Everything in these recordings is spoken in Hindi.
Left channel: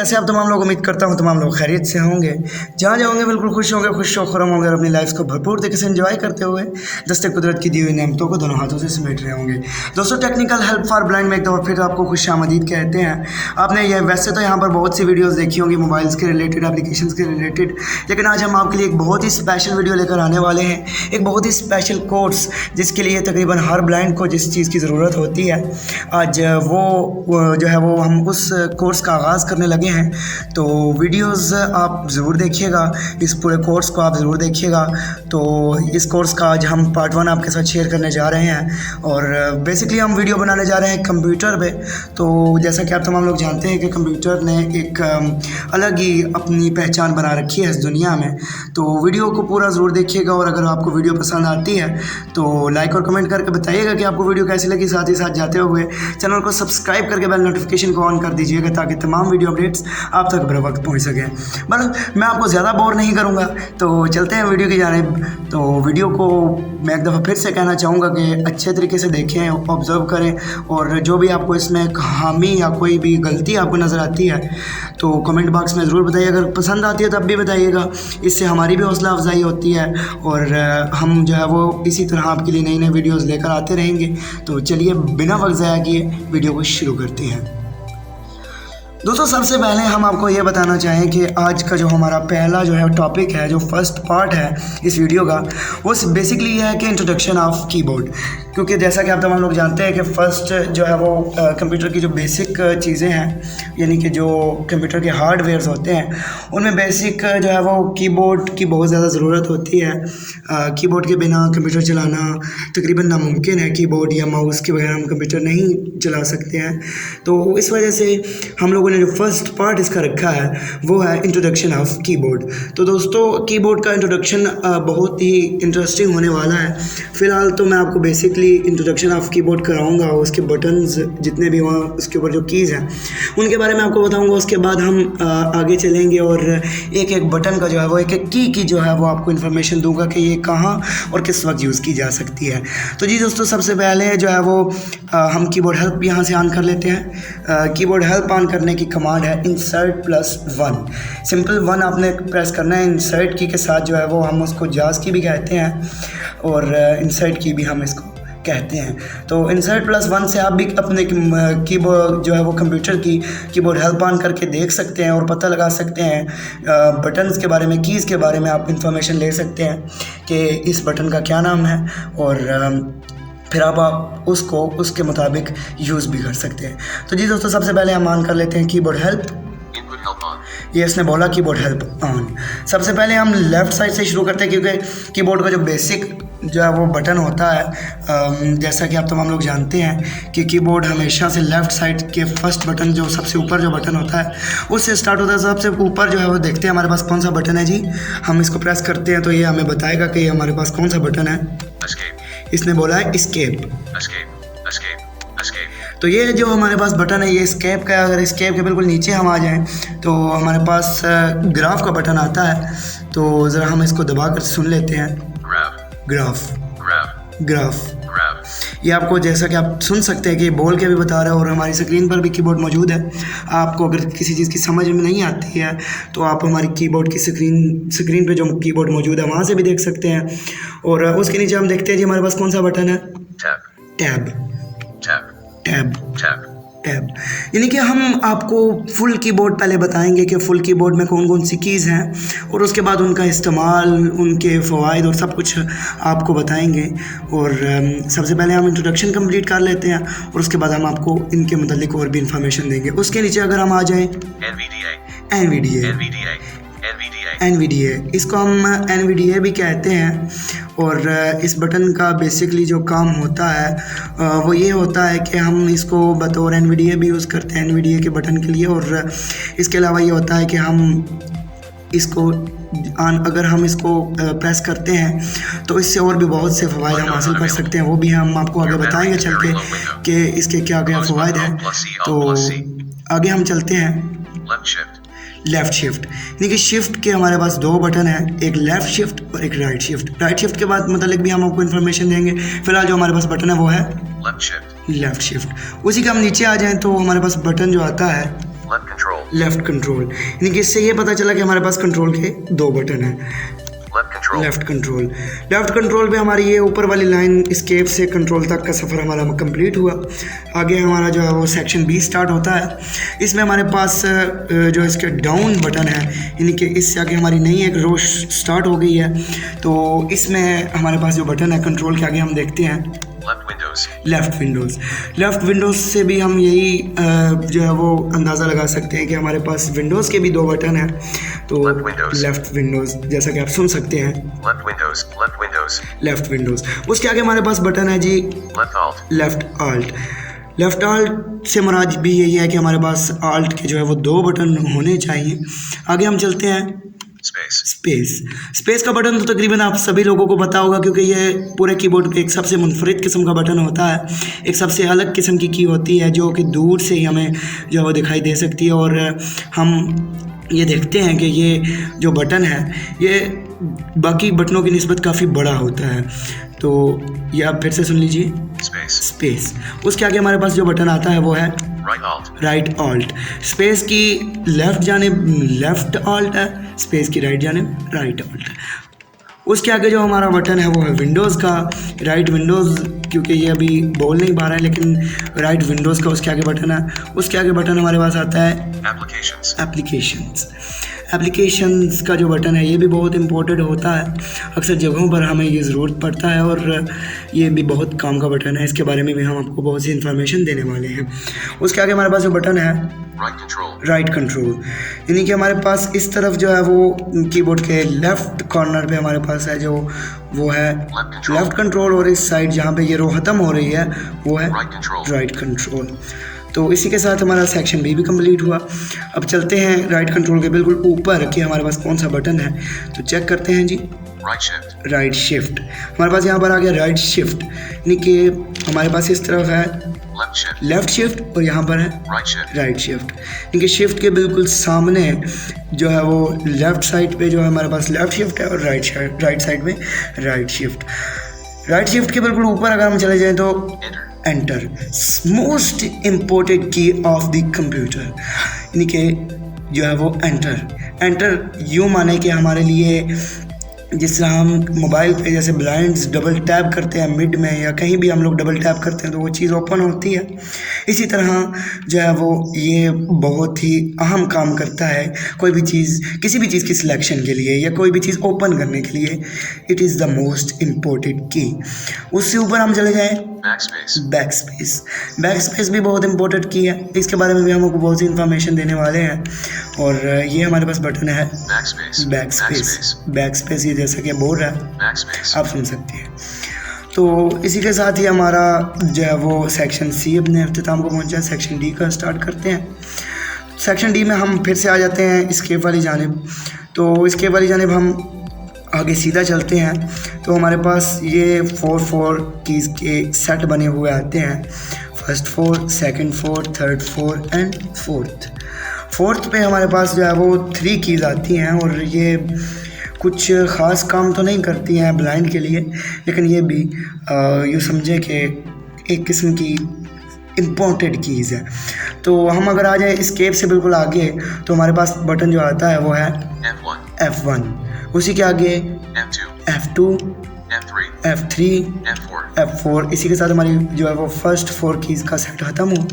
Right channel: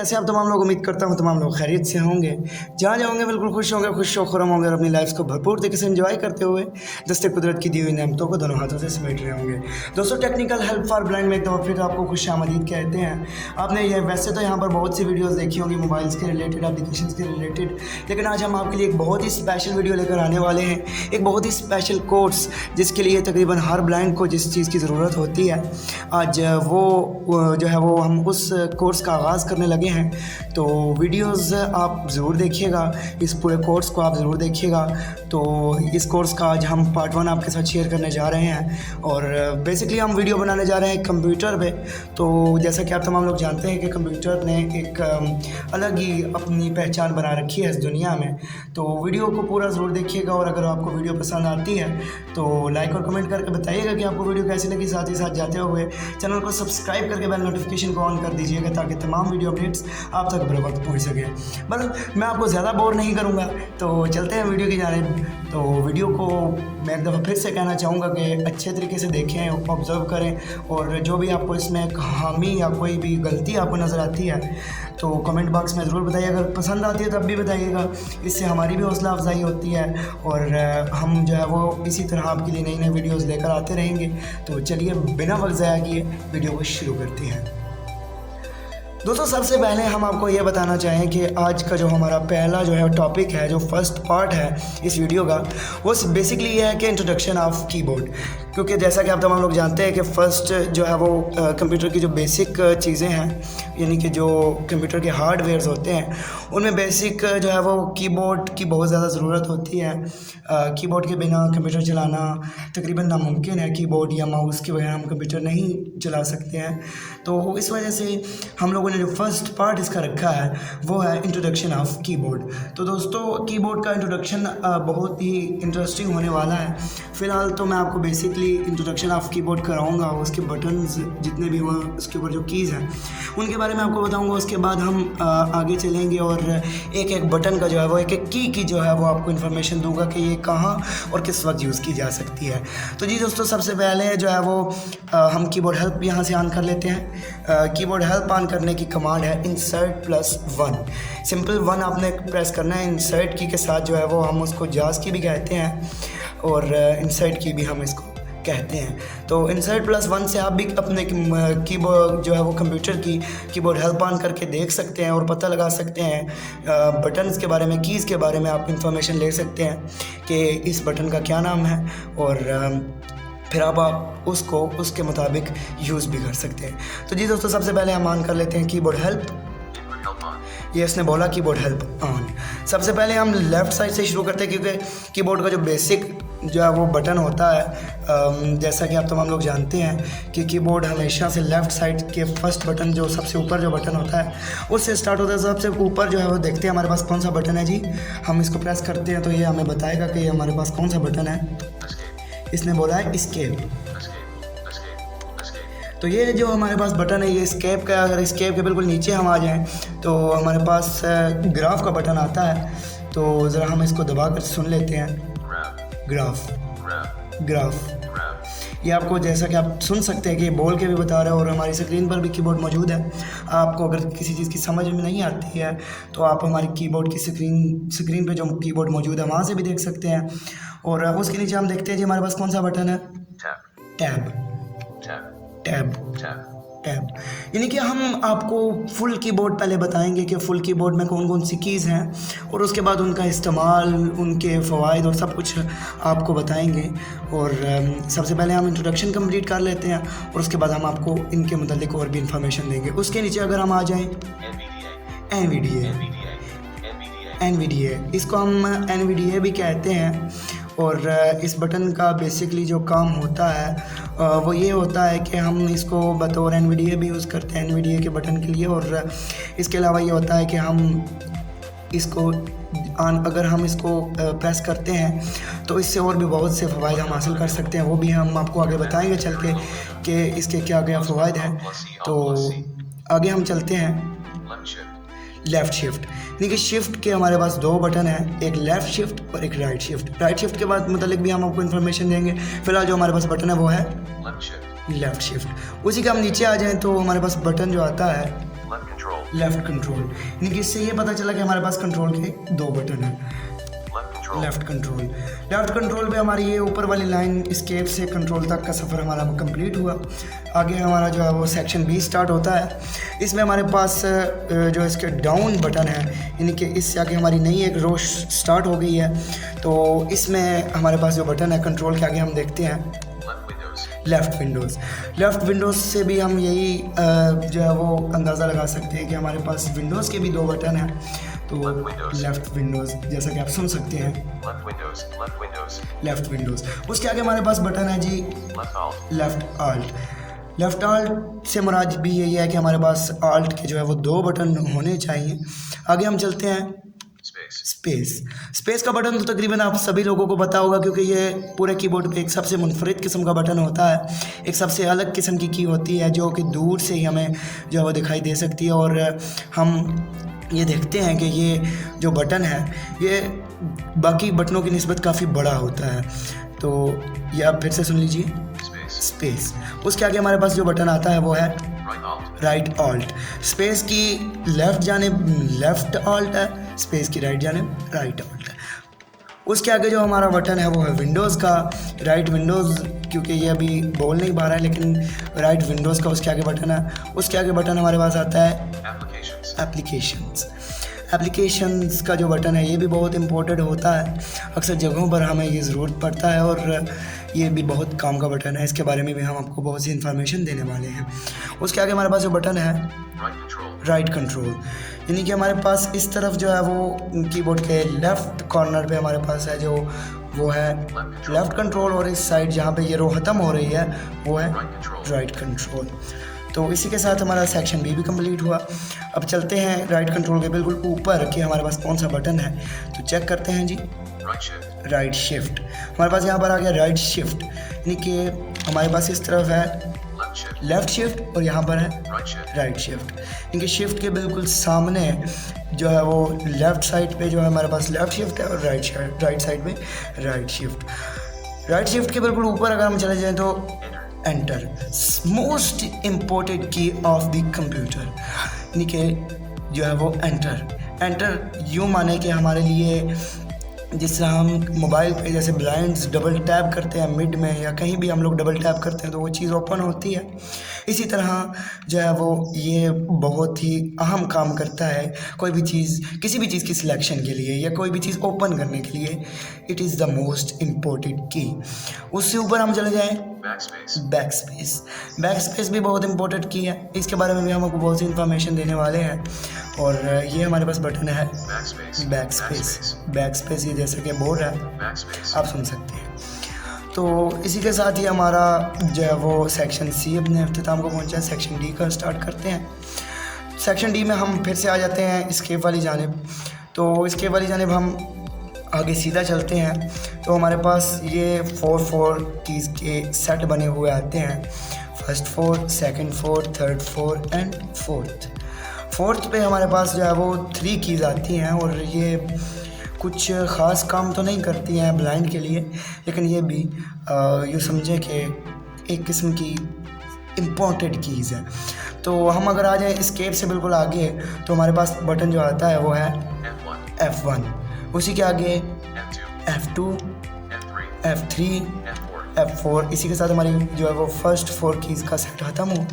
कैसे आप तमाम लोग, उम्मीद करता हूँ तमाम लोग खैरियत से होंगे। जहाँ जाओगे बिल्कुल खुश होंगे, खुश खुरम होंगे और अपनी लाइफ को भरपूर तरीके से एंजॉय करते हुए दस्ते कुदरत की दी हुई नेमतों को दोनों हाथों से समेट रहे होंगे। दोस्तों, टेक्निकल हेल्प फॉर ब्लाइंड में एक दफ़ा फिर आपको खुशामदीद कहते हैं। आपने ये वैसे तो यहाँ पर बहुत सी वीडियोज़ देखी होंगी मोबाइल्स के रिलेटेड, एप्लीकेशंस के रिलेटेड, लेकिन आज हम आपके लिए एक बहुत ही स्पेशल वीडियो लेकर आने वाले हैं। एक बहुत ही स्पेशल कोर्स जिसके लिए तकरीबन हर ब्लाइंड को जिस चीज़ की ज़रूरत होती है, आज वो जो है वो हम उस कोर्स का आगाज़ करने लगे हैं। तो वीडियोस आप ज़रूर देखिएगा, इस पूरे कोर्स को आप ज़रूर देखिएगा। तो इस कोर्स का आज हम पार्ट 1 आपके साथ शेयर करने जा रहे हैं और बेसिकली हम वीडियो बनाने जा रहे हैं कंप्यूटर पे। तो जैसा कि आप तमाम लोग जानते हैं कि कंप्यूटर ने एक अलग ही अपनी पहचान बना रखी है इस दुनिया में। तो वीडियो को पूरा ज़रूर देखिएगा और अगर आपको वीडियो पसंद आती है तो लाइक और कमेंट करके बताइएगा कि आपको वीडियो कैसी लगी। साथ ही साथ जाते हुए चैनल को सब्सक्राइब करके बेल नोटिफिकेशन को ऑन कर दीजिएगा ताकि तमाम वीडियो अपडेट्स आप तक बर वक्त पहुँच सकें। बस मैं आपको ज़्यादा बोर नहीं करूँगा, तो चलते हैं वीडियो की जानिब। तो वीडियो को मैं एक दफ़ा फिर से कहना चाहूँगा कि अच्छे तरीके से देखें, ऑब्ज़र्व करें और जो भी आपको इसमें खामी या कोई भी गलती आपको नज़र आती है तो कमेंट बॉक्स में ज़रूर बताइए। अगर पसंद आती है तब भी बताइएगा, इससे हमारी भी हौसला अफजाई होती है और हम जो है वो इसी तरह आपके लिए नई नई वीडियोज़ लेकर आते रहेंगे। तो चलिए बिना वक्त ज़ाया किए वीडियो को शुरू करते हैं। दोस्तों, सबसे पहले हम आपको ये बताना चाहें कि आज का जो हमारा पहला जो है टॉपिक है, जो फर्स्ट पार्ट है इस वीडियो का, वो बेसिकली ये है कि इंट्रोडक्शन ऑफ कीबोर्ड। क्योंकि जैसा कि आप तमाम लोग जानते हैं कि फ़र्स्ट जो है वो कंप्यूटर की जो बेसिक चीज़ें हैं, यानी कि जो कंप्यूटर के हार्डवेयर्स होते हैं, उनमें बेसिक जो है वो कीबोर्ड की बहुत ज़्यादा ज़रूरत होती है। कीबोर्ड के बिना कंप्यूटर चलाना तकरीबन नामुमकिन है। कीबोर्ड या माउस के बगैर हम कंप्यूटर नहीं चला सकते हैं। तो इस वजह से हम लोगों ने जो फर्स्ट पार्ट इसका रखा है वो है इंट्रोडक्शन ऑफ कीबोर्ड। तो दोस्तों, कीबोर्ड का इंट्रोडक्शन बहुत ही इंटरेस्टिंग होने वाला है। फ़िलहाल तो मैं आपको बेसिकली इंट्रोडक्शन ऑफ कीबोर्ड कराऊंगा, उसके बटन्स जितने भी हों, उसके ऊपर जो कीज़ हैं उनके बारे में आपको बताऊंगा। उसके बाद हम आगे चलेंगे और एक एक बटन का जो है वो एक एक की जो है वो आपको इन्फॉर्मेशन दूंगा कि ये कहाँ और किस वक्त यूज़ की जा सकती है। तो जी दोस्तों, सबसे पहले जो है वो हम कीबोर्ड हेल्प यहाँ से ऑन कर लेते हैं। कीबोर्ड हेल्प ऑन करने की कमांड है इंसर्ट +1। सिंपल 1 आपने प्रेस करना है। इंसर्ट की के साथ जो है वो हम उसको जाज की भी कहते हैं और इंसर्ट की भी हम इसको कहते हैं। तो इंसर्ट +1 से आप भी अपने कीबोर्ड जो है वो कंप्यूटर की कीबोर्ड हेल्प ऑन करके देख सकते हैं और पता लगा सकते हैं बटन्स के बारे में, कीज़ के बारे में आप इंफॉर्मेशन ले सकते हैं कि इस बटन का क्या नाम है और फिर आप उसको उसके मुताबिक यूज़ भी कर सकते हैं। तो जी दोस्तों, सबसे पहले हम ऑन कर लेते हैं कीबोर्ड हेल्प। ये इसने बोला कीबोर्ड हेल्प ऑन। सबसे पहले हम लेफ़्ट साइड से शुरू करते हैं क्योंकि कीबोर्ड का जो बेसिक जो है वो बटन होता है, जैसा कि आप तमाम लोग जानते हैं कि कीबोर्ड हमेशा से लेफ़्ट साइड के फर्स्ट बटन, जो सबसे ऊपर जो बटन होता है उससे स्टार्ट होता है। सबसे ऊपर जो है वो देखते हैं हमारे पास कौन सा बटन है। जी, हम इसको प्रेस करते हैं तो ये हमें बताएगा कि हमारे पास कौन सा बटन है। इसने बोला है एस्केप। तो ये जो हमारे पास बटन है ये एस्केप का है। अगर एस्केप के बिल्कुल नीचे हम आ जाएं तो हमारे पास ग्राफ का बटन आता है। तो ज़रा हम इसको दबा कर सुन लेते हैं। ग्राफ ये आपको, जैसा कि आप सुन सकते हैं कि बोल के भी बता रहा है और हमारी स्क्रीन पर भी कीबोर्ड मौजूद है। आपको अगर किसी चीज़ की समझ में नहीं आती है तो आप हमारी कीबोर्ड की स्क्रीन पे जो कीबोर्ड मौजूद है वहाँ से भी देख सकते हैं। और उसके नीचे हम देखते हैं जी हमारे पास कौन सा बटन है, टैब। यानी कि हम आपको फुल कीबोर्ड पहले बताएंगे कि फुल कीबोर्ड में कौन कौन सी कीज़ हैं और उसके बाद उनका इस्तेमाल, उनके फ़वाइद और सब कुछ आपको बताएंगे। और सबसे पहले हम इंट्रोडक्शन कंप्लीट कर लेते हैं और उसके बाद हम आपको इनके मुतालिक और भी इंफॉर्मेशन देंगे। उसके नीचे अगर हम आ जाएँ NVDA, इसको हम NVDA भी कहते हैं। और इस बटन का बेसिकली जो काम होता है वो ये होता है कि हम इसको बतौर NVDA भी यूज़ करते हैं, NVDA के बटन के लिए। और इसके अलावा ये होता है कि हम इसको अगर हम इसको प्रेस करते हैं तो इससे और भी बहुत से फ़वाइद हम हासिल कर सकते हैं। वो भी हम आपको आगे बताएंगे चल के कि इसके क्या क्या फ़वाइद हैं। तो आगे हम चलते हैं लेफ़्ट शिफ्ट, यानी कि शिफ्ट के हमारे पास 2 बटन हैं, एक लेफ़्ट शिफ्ट और एक राइट शिफ्ट। राइट शिफ्ट के बाद मतलब भी हम आपको इन्फॉर्मेशन देंगे। फिलहाल जो हमारे पास बटन है वो है लेफ़्ट शिफ्ट। उसी का हम नीचे आ जाएं तो हमारे पास बटन जो आता है लेफ़्ट कंट्रोल, यानी कि इससे ये पता चला कि हमारे पास कंट्रोल के 2 बटन हैं। लेफ़्ट कंट्रोल पे हमारी ये ऊपर वाली लाइन एस्केप से कंट्रोल तक का सफ़र हमारा कंप्लीट हुआ। आगे हमारा जो है वो सेक्शन बी स्टार्ट होता है। इसमें हमारे पास जो इसके डाउन बटन है, यानी कि इससे आगे हमारी नई एक रो स्टार्ट हो गई है। तो इसमें हमारे पास जो बटन है कंट्रोल के आगे हम देखते हैं लेफ़्ट विंडोज़ से भी हम यही जो है वो अंदाज़ा लगा सकते हैं कि हमारे पास विंडोज़ के भी 2 बटन हैं। तो लेफ़्ट विंडोज़ जैसा कि आप सुन सकते हैं, लेफ़्ट विंडोज़। उसके आगे हमारे पास बटन है जी लेफ़्ट आल्ट से मुराद भी यही है कि हमारे पास आल्ट के जो है वो 2 बटन होने चाहिए। आगे हम चलते हैं स्पेस का बटन तो तकरीबन आप सभी लोगों को पता होगा, क्योंकि ये पूरे कीबोर्ड पे एक सबसे मुनफरिद किस्म का बटन होता है। एक सबसे अलग किस्म की की होती है जो कि दूर से ही हमें जो है वो दिखाई दे सकती है। और हम ये देखते हैं कि ये जो बटन है ये बाकी बटनों की निस्बत काफ़ी बड़ा होता है। तो ये आप फिर से सुन लीजिए, स्पेस। उसके आगे हमारे पास जो बटन आता है वो है राइट ऑल्ट। स्पेस की लेफ़्ट जानिब लेफ़्ट ऑल्ट है, स्पेस की राइट जानिब राइट ऑल्ट है। उसके आगे जो हमारा बटन है वो है विंडोज़ का राइट विंडोज़, क्योंकि ये अभी बोल नहीं पा रहा है, लेकिन राइट विंडोज़ का उसके आगे बटन है। उसके आगे बटन हमारे पास आता है एप्लीकेशंस का जो बटन है ये भी बहुत इंपॉर्टेंट होता है। अक्सर जगहों पर हमें ये ज़रूरत पड़ता है और ये भी बहुत काम का बटन है। इसके बारे में भी हम आपको बहुत सी इन्फॉर्मेशन देने वाले हैं। उसके आगे हमारे पास जो बटन है राइट कंट्रोल, यानी कि हमारे पास इस तरफ जो है वो कीबोर्ड के लेफ़्ट कॉर्नर पे हमारे पास है जो वो है लेफ़्ट कंट्रोल, और इस साइड जहाँ पे ये रो ख़त्म हो रही है वो है राइट कंट्रोल। तो इसी के साथ हमारा सेक्शन बी भी कंप्लीट हुआ। अब चलते हैं राइट कंट्रोल के बिल्कुल ऊपर कि हमारे पास कौन सा बटन है, तो चेक करते हैं जी। राइट शिफ्ट हमारे पास यहाँ पर आ गया राइट शिफ्ट, यानी कि हमारे पास इस तरफ है लेफ़्ट शिफ्ट और यहाँ पर है राइट शिफ्ट, यानी कि शिफ्ट के बिल्कुल सामने जो है वो लेफ़्ट साइड पे जो है हमारे पास लेफ़्ट शिफ्ट है और राइट साइड पे राइट शिफ्ट के बिल्कुल ऊपर अगर हम चले जाएँ तो एंटर, मोस्ट इम्पोर्टेंट की ऑफ द कंप्यूटर, यानी कि जो है वो एंटर यूँ माने कि हमारे लिए जिस तरह हम मोबाइल पे जैसे ब्लाइंड्स डबल टैप करते हैं मिड में या कहीं भी हम लोग डबल टैप करते हैं तो वो चीज़ ओपन होती है, इसी तरह जो है वो ये बहुत ही अहम काम करता है कोई भी चीज़, किसी भी चीज़ की सिलेक्शन के लिए या कोई भी चीज़ ओपन करने के लिए। It is the most important की। उससे ऊपर हम चले जाएँ बैक स्पेस भी बहुत इंपॉर्टेंट की है। इसके बारे में भी हम आपको बहुत सी इन्फॉर्मेशन देने वाले हैं। और ये हमारे पास बटन है बैक स्पेस, ये जैसे कि बोल रहा है आप सुन सकते हैं। तो इसी के साथ ही हमारा जो है वो सेक्शन सी अपने अख्ताम को पहुंचा। सेक्शन डी का स्टार्ट करते हैं। सेक्शन डी में हम फिर से आ जाते हैं एस्केप वाली जानिब। तो एस्केप वाली जानिब हम आगे सीधा चलते हैं तो हमारे पास ये 4 कीज़ के सेट बने हुए आते हैं। First 4, second 4, third 4 and fourth पे हमारे पास जो है वो 3 कीज़ आती हैं और ये कुछ ख़ास काम तो नहीं करती हैं ब्लाइंड के लिए, लेकिन ये भी यूँ समझें कि एक किस्म की इम्पोर्टेंट कीज़ है। तो हम अगर आ जाए एस्केप से बिल्कुल आगे तो हमारे पास बटन जो आता है वो है F1, उसी के आगे F2, F3, F4। इसी के साथ हमारी जो है वो फर्स्ट 4 कीज़ का सेट ख़त्म हुआ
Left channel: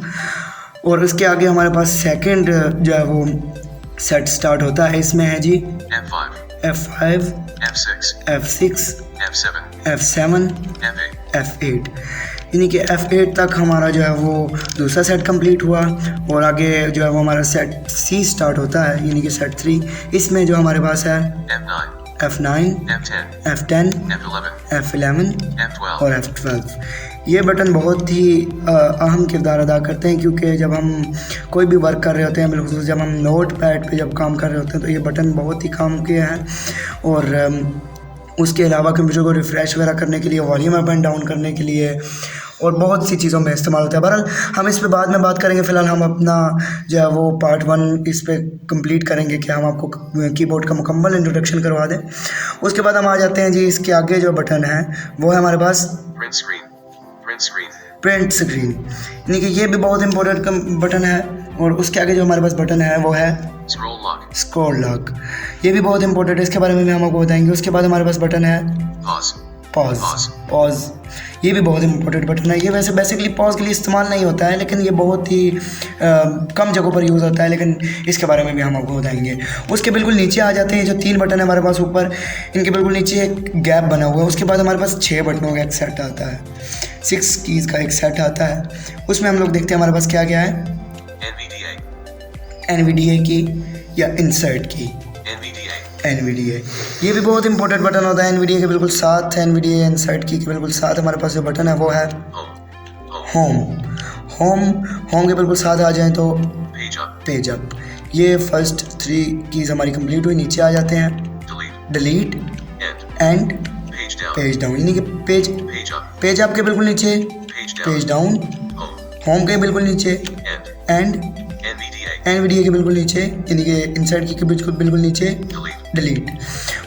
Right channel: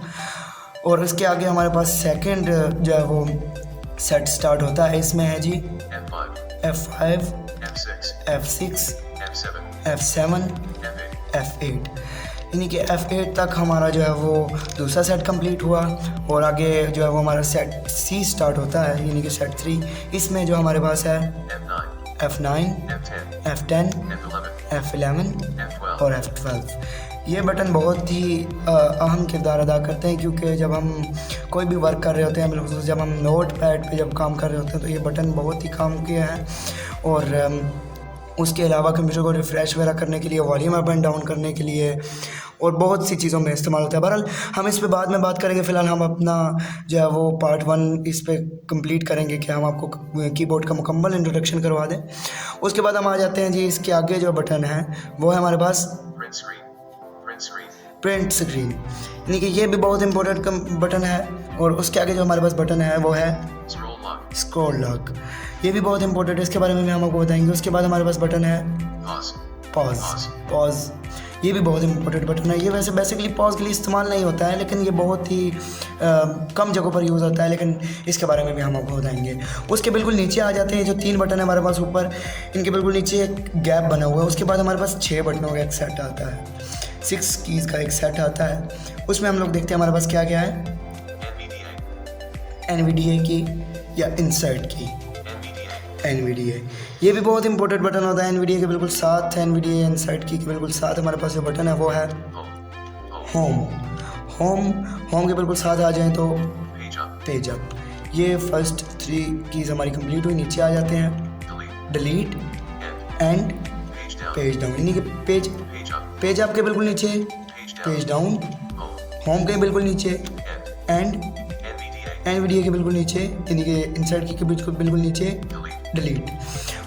और उसके आगे हमारे पास सेकंड जो है वो सेट स्टार्ट होता है। इसमें है जी F5, F6, F7, F8, यानी कि F8 तक हमारा जो है वो दूसरा सेट कंप्लीट हुआ और आगे जो है वो हमारा सेट C स्टार्ट होता है, यानी कि सेट 3। इसमें जो हमारे पास है F9, F10, F11 और F12। ये बटन बहुत ही अहम किरदार अदा करते हैं, क्योंकि जब हम कोई भी वर्क कर रहे होते हैं, बिल्कुल जब हम नोट पैड पे जब काम कर रहे होते हैं तो ये बटन बहुत ही काम के हैं। और उसके अलावा कंप्यूटर को रिफ़्रेश वगैरह करने के लिए, वॉल्यूम अप एंड डाउन करने के लिए और बहुत सी चीज़ों में इस्तेमाल होता है। बहरहाल हम इस पे बाद में बात करेंगे। फ़िलहाल हम अपना जो है वो पार्ट 1 इस पे कंप्लीट करेंगे कि हम आपको कीबोर्ड का मुकम्मल इंट्रोडक्शन करवा दें। उसके बाद हम आ जाते हैं जी इसके आगे जो बटन है वो है हमारे पास प्रिंट स्क्रीन, यानी कि ये भी बहुत इंपॉर्टेंट बटन है। और उसके आगे जो हमारे पास बटन है वो है Scroll lock. स्क्रॉल लॉक, ये भी बहुत इंपॉर्टेंट है, इसके बारे में भी हम आपको बताएंगे। उसके बाद हमारे पास बटन है Pause. पॉज, ये भी बहुत इंपॉर्टेंट बटन है। ये वैसे बेसिकली पॉज के लिए इस्तेमाल नहीं होता है, लेकिन ये बहुत ही कम जगहों पर यूज़ होता है, लेकिन इसके बारे में भी हम आपको बताएंगे। उसके बिल्कुल नीचे आ जाते हैं जो 3 बटन है हमारे पास ऊपर, इनके बिल्कुल नीचे एक गैप बना हुआ है। उसके बाद हमारे पास 6 बटनों का एक सेट आता है, 6 कीज़ का एक सेट आता है। उसमें हम लोग देखते हैं हमारे पास क्या क्या है, NVDA की या इंसर्ट की, NVDA, ये भी बहुत इंपॉर्टेंट बटन होता है। NVDA के बिल्कुल साथ, NVDA इंसर्ट की के बिल्कुल साथ हमारे पास जो बटन है वो है होम के बिल्कुल साथ आ जाएं तो पेज अप। ये फर्स्ट 3 कीज़ हमारी कंप्लीट हुई, नीचे आ जाते हैं डिलीट एंड पेज डाउन, यानी कि पेज अप के बिल्कुल नीचे पेज डाउन, होम के बिल्कुल नीचे एंड NVDA के बिल्कुल नीचे, यानी कि इंसर्ट की के बिल्कुल नीचे डिलीट।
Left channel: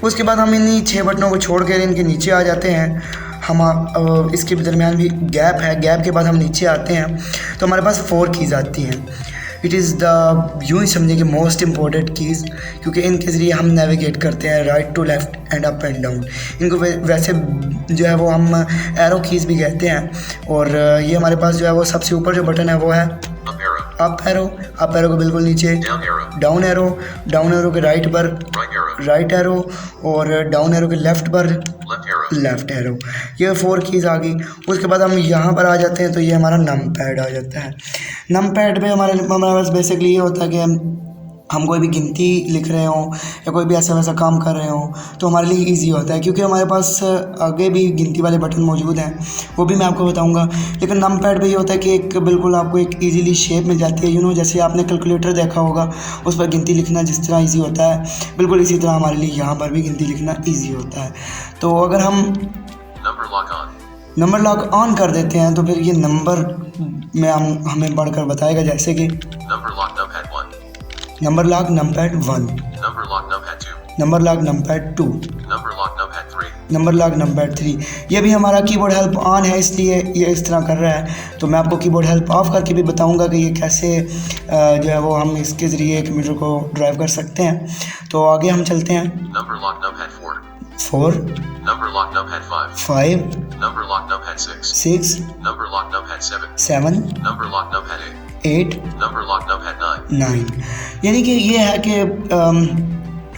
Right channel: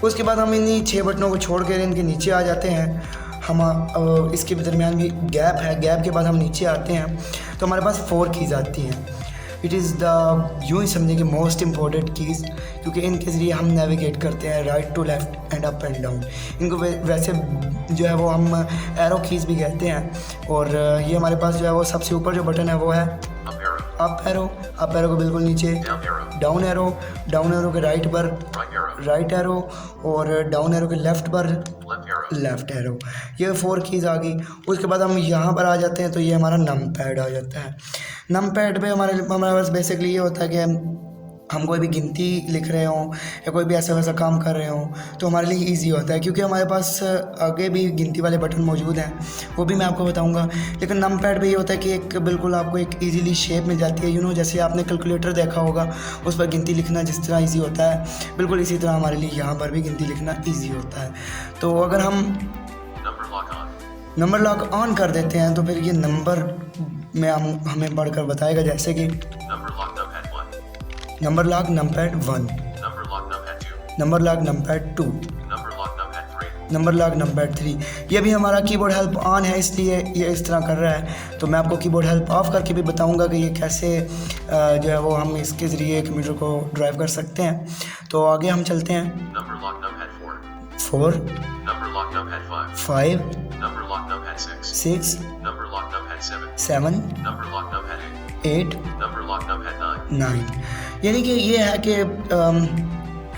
उसके बाद हम इन्हीं 6 बटनों को छोड़ कर इनके नीचे आ जाते हैं। हम इसके दरमियान भी गैप है, गैप के बाद हम नीचे आते हैं तो हमारे पास 4 कीज़ आती हैं। इट इज़ द यूँ ही समझिए कि मोस्ट इम्पॉर्टेंट कीज़, क्योंकि इनके ज़रिए हम नेविगेट करते हैं right to left and up and down. इनको वैसे जो है वो हम एरो कीज़ भी कहते हैं। और ये हमारे पास जो है वो सबसे ऊपर जो बटन है वो है अप एरो को बिल्कुल नीचे डाउन एरो के राइट पर राइट एरो, और डाउन एरो के लेफ़्ट पर लेफ़्ट एरो। ये 4 कीज़ आ गई। उसके बाद हम यहाँ पर आ जाते हैं तो ये हमारा नम पैड आ जाता है। नम पैड पे हमारे पास बेसिकली ये होता है कि हम कोई भी गिनती लिख रहे हों या कोई भी ऐसा वैसा काम कर रहे हों तो हमारे लिए इजी होता है, क्योंकि हमारे पास आगे भी गिनती वाले बटन मौजूद हैं, वो भी मैं आपको बताऊंगा। लेकिन नम पैड पे ये होता है कि एक बिल्कुल आपको एक इजीली शेप मिल जाती है, जैसे आपने कैलकुलेटर देखा होगा, उस पर गिनती लिखना जिस तरह ईजी होता है, बिल्कुल इसी तरह हमारे लिए यहाँ पर भी गिनती लिखना ईजी होता है। तो अगर हम नंबर लॉक ऑन कर देते हैं तो फिर ये नंबर में हमें बढ़कर बताएगा, जैसे कि number lock numpad 1, number lock numpad 2, number lock numpad 3। ये भी हमारा कीबोर्ड हेल्प ऑन है, इसलिए ये इस तरह कर रहा है। तो मैं आपको कीबोर्ड हेल्प ऑफ करके भी बताऊंगा कि ये कैसे जो है वो हम इसके ज़रिए कंप्यूटर को ड्राइव कर सकते हैं। तो आगे हम चलते हैं 4, 5, 6, 7, 8, 9। यानी कि ये है कि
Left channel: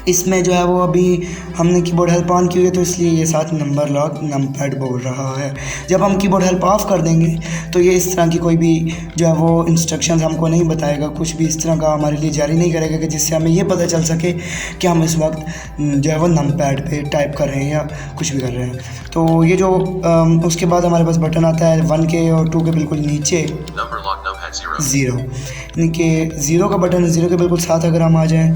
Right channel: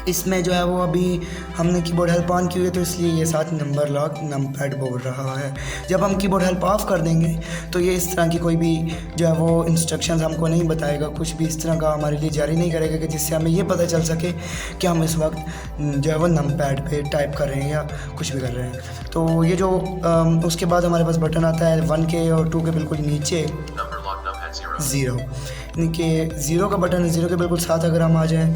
इसमें जो है वो अभी हमने कीबोर्ड हेल्प ऑन की हुई है, तो इसलिए ये साथ नंबर लॉक नमपैड बोल रहा है। जब हम कीबोर्ड हेल्प ऑफ कर देंगे तो ये इस तरह की कोई भी जो है वो इंस्ट्रक्शंस हमको नहीं बताएगा, कुछ भी इस तरह का हमारे लिए जारी नहीं करेगा कि जिससे हमें ये पता चल सके कि हम इस वक्त जो है वो नमपैड पे टाइप कर रहे हैं या कुछ भी कर रहे हैं। तो ये जो उसके बाद हमारे पास बटन आता है 1 के और 2 के बिल्कुल नीचे 0, यानी कि 0 का बटन, 0 के बिल्कुल साथ अगर हम आ जाएँ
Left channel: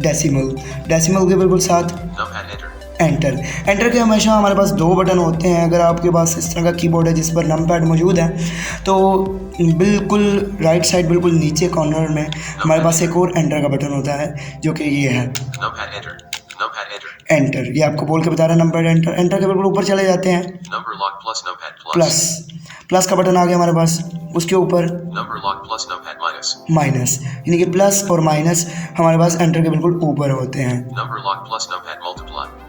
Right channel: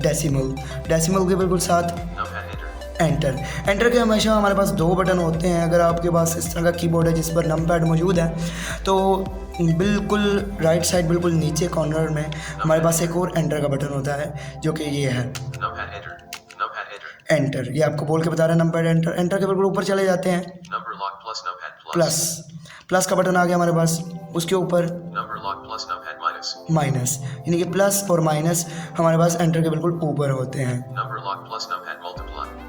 डेसिमल के बिल्कुल साथ एंटर के हमेशा हमारे पास 2 बटन होते हैं। अगर आपके पास इस तरह का कीबोर्ड है जिस पर नमपैड मौजूद है तो बिल्कुल राइट साइड बिल्कुल नीचे कॉर्नर में हमारे पास एक और एंटर का बटन होता है, जो कि ये है एंटर। ये आपको बोल के बता रहा है नमपैड एंटर के बिल्कुल ऊपर चले जाते हैं प्लस का बटन आ गया हमारे पास, उसके ऊपर माइनस, यानी कि प्लस और माइनस हमारे पास एंटर के बिल्कुल ऊपर होते हैं।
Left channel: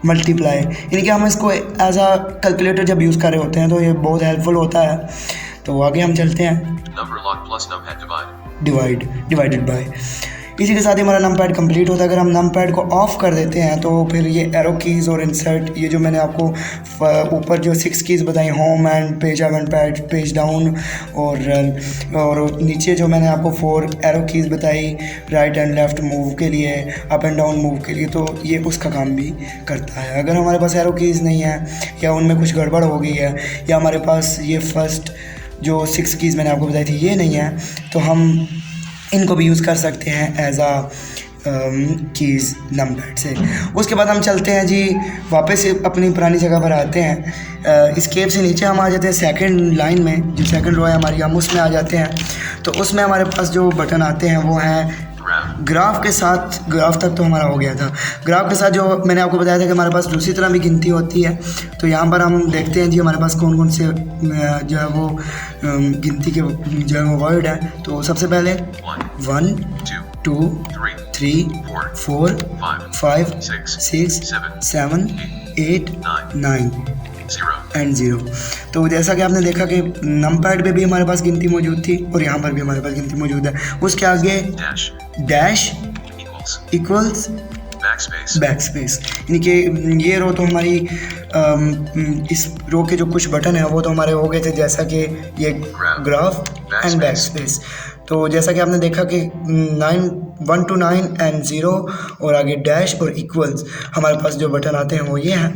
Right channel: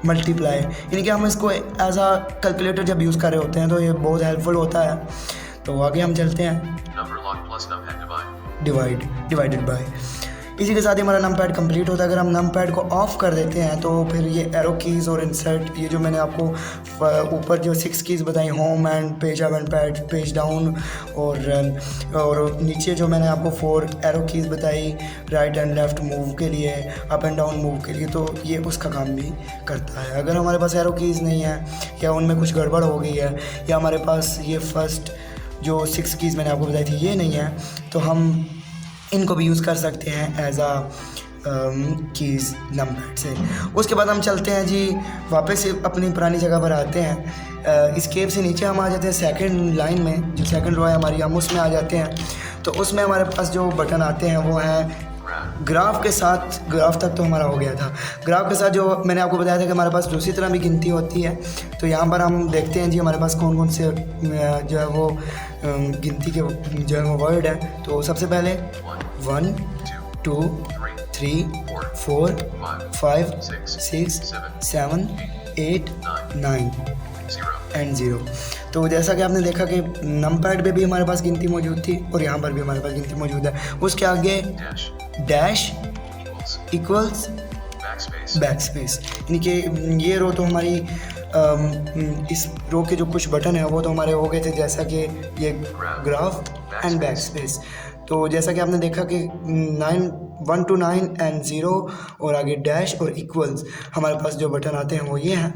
मल्टीप्लाई, यानी कि हम इसको एज अ कैलकुलेटर जब यूज़ कर रहे होते हैं तो ये बहुत हेल्पफुल होता है। तो आगे हम चलते हैं डिवाइडेड बाय। इसी के साथ ही हमारा नमपैड कंप्लीट होता है। अगर हम नमपैड को ऑफ कर देते हैं तो फिर ये एरो कीज़ और इंसर्ट, ये जो मैंने आपको ऊपर जो 6 कीज़ बताई, home and page up and page down, और नीचे जो मैंने आपको 4 एरो कीज़ बताई राइट एंड लेफ़्ट मूव के लिए, अप एंड डाउन मूव के लिए, तो ये उसका काम भी करता है। अगर हमारे पास एरो कीज़ नहीं है या उनमें कुछ गड़बड़ हो गई है या हमारे पास ये फर्स्ट जो 6 कीज़ मैंने आपको बताई थी ये नहीं है, तो हम इनको भी यूज़ कर सकते हैं एज आ कीज़ नमपैड से। उसके बाद हम चलते हैं जी वापस अपनी पुरानी जगह पर आते हैं। इस्केप से नीचे हम आ जाते हैं सेकंड लाइन में, जो सेकंड रो है हमारी, हम उसमें आ जाते हैं। तो उसमें हमारे पास जो बटन आते हैं वो हैं ग्राफ के साथ, ग्राफ तक तो हमारा हो गया था। ग्राफ के साथ जो मैंने आपको बताया था कि हमारे पास दूसरी तरह भी गिनती होती है। तो यहाँ पर हम देखते हैं जी हमारे पास कौन कौन से जो है वो गिनती के जो है वो वर्ड है। तो सबसे पहले 1 2 3 4 5 6 7 8 9 एंड 0। तो जैसा कि आपने देखा कि नंपैड पे भी हमारे पास गिनती मौजूद थी और यहाँ पर भी हमारे पास गिनती मौजूद है। उसके आगे डैश इक्वल्स बैकस्पेस, यानी कि ये रो तो हमारी इस रो के जो कुछ बटन है वो तो हमारे हो गए थे, जैसा कि ये ग्राफ एंड बैकस्पेस। तो जैसा कि आपने देखा कि 1 to 9 एंड 0 और आगे डैश और इक्वल्स हमारे पास जो बटन आते हैं वो ये हैं।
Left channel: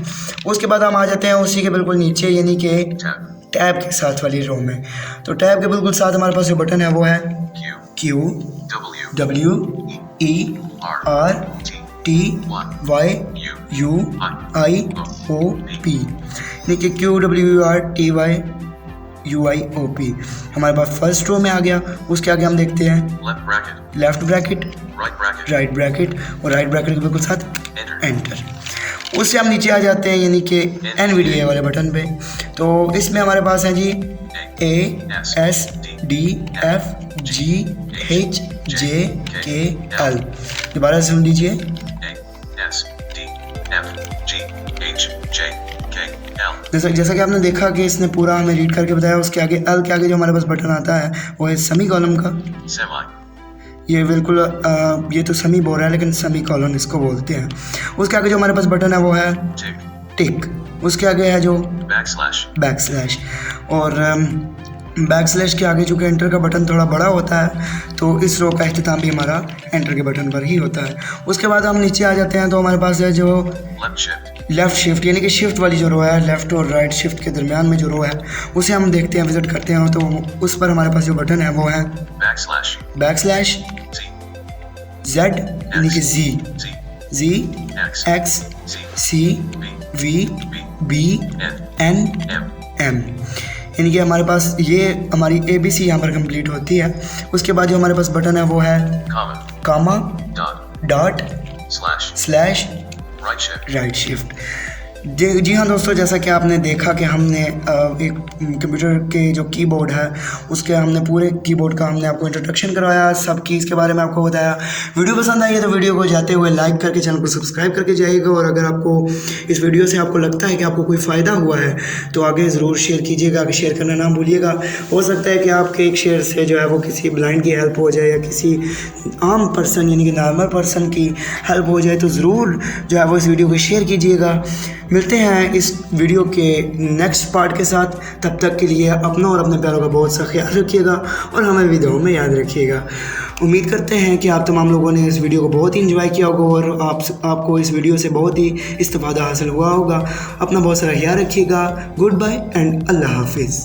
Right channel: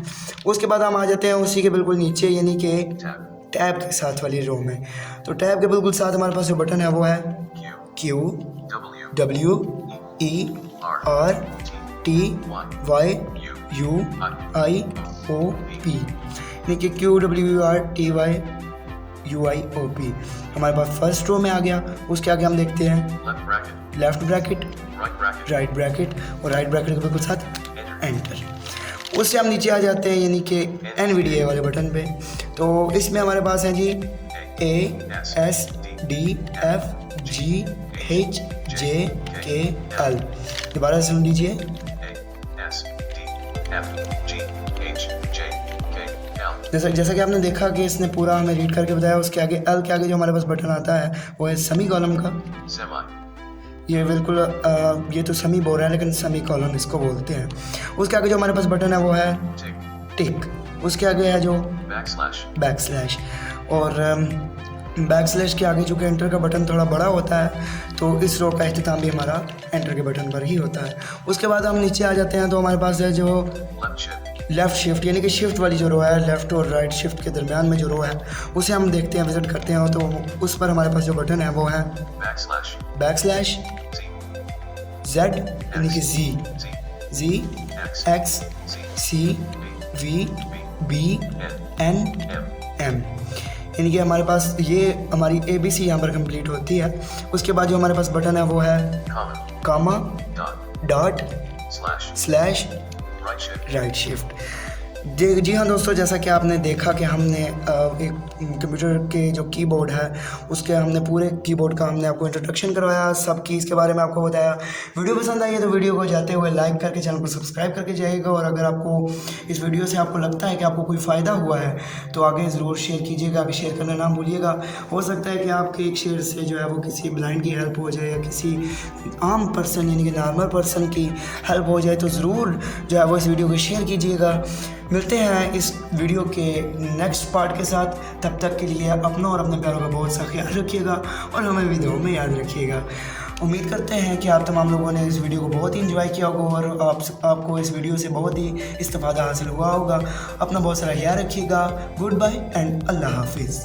उसके बाद हम आ जाते हैं उसी के बिल्कुल नीचे, यानी कि टैब के साथ वाली रो में। तो टैब के बिल्कुल साथ हमारे पास जो बटन है वो है Q W E R T Y U I O P, यानी कि Q W E R T Y U I O P हमारे पास फर्स्ट रो में आ गया। उसके आगे हम देखते हैं लेफ्ट ब्रैकेट, राइट ब्रैकेट और राइट ब्रैकेट के बिल्कुल साथ एंटर। उससे हम नीचे आ जाते हैं यानी कि NVDA वाले बटन पे। तो इसमें हमारे पास है जी A S D F G H J K L। दोबारा सुन लीजिए जैसा कि आपने देखा कि इसने पूरा हमें रीड करके बताया। उसके आगे एल के आगे जो हमारे पास बटन आता है वो है सेमी कॉलम का। ये बिल्कुल ये तो सेमी बोल रहा है लेकिन सेमी कॉलम इसको बोलते हैं। उसके आगे जो हमारे पास बटन है वो है टिक। उसके आगे है जो बैकस्लैश और बैकस्लैश के आगे चूँकि एंटर का बटन थोड़ा बड़ा होता है तो इस रो का इख्तिताम भी हमारा एंटर के बटन पर ही होता है। उसके बाद हम नीचे आ जाते हैं तो हमारे पास है जो लेफ़्ट शिफ्ट, यानी कि शिफ्ट वाली जो रो है, लेफ़्ट और राइट शिफ्ट के दरमियान में जो रो है उसे हम देखते हैं, विजिट करते हैं। तो उस पर हमारे पास जो बटन है वो है बैकस्लैश Z, यानी कि Z X C V B N M, यानी कि हमारे पास ये हमारी ABC यहाँ पर कंप्लीट होती है। उसके बाद जो हमारे पास बटन है वो है कामा डॉट स्लैश राइट शिफ्ट। जी हाँ दोस्तों, जैसा कि आपने देखा कि हमने एक कंप्यूटर के जो कीबोर्ड है उसके हमने पूरे कीबोर्ड का हमने आपको इंट्रोडक्शन करवाया, सब कीज़ के बारे में आपको बताया। वीडियो पसंद आई है तो वीडियो को जाते हुए लाइक करके चैनल को सब्सक्राइब करके जाइएगा। और अगर आपको इस वीडियो से आपको लगता है कि आपको कोई फ़ायदा हुआ है तो आगे ज़रूर शेयर कीजिएगा, शेयर करना ना भूलिएगा। हो सकता है कि आपके एक शेयर से जो है वो किसी ब्लाइंड की हेल्प हो जाए या किसी आम पर्सन यानी कि नॉर्मल पर्सन की हेल्प हो जाए, तो ज़रूर जो है वो इस वीडियो को शेयर कीजिएगा। मिलते हैं इस वीडियो के नेक्स्ट पार्ट के साथ। तब तक के लिए अपना और अपने प्यारों का बहुत सा ख्याल रखिएगा और हमें भी दुआओं में याद रखिएगा। उम्मीद करते हैं कि आप तमाम लोगों ने इस वीडियो को बहुत ही इंजॉय किया होगा और आपको इस वीडियो से बहुत ही इस्तिफादा हासिल हुआ होगा। अपना बहुत सारा ख्याल रखिएगा। गुड बाय एंड अल्लाह हाफिज़।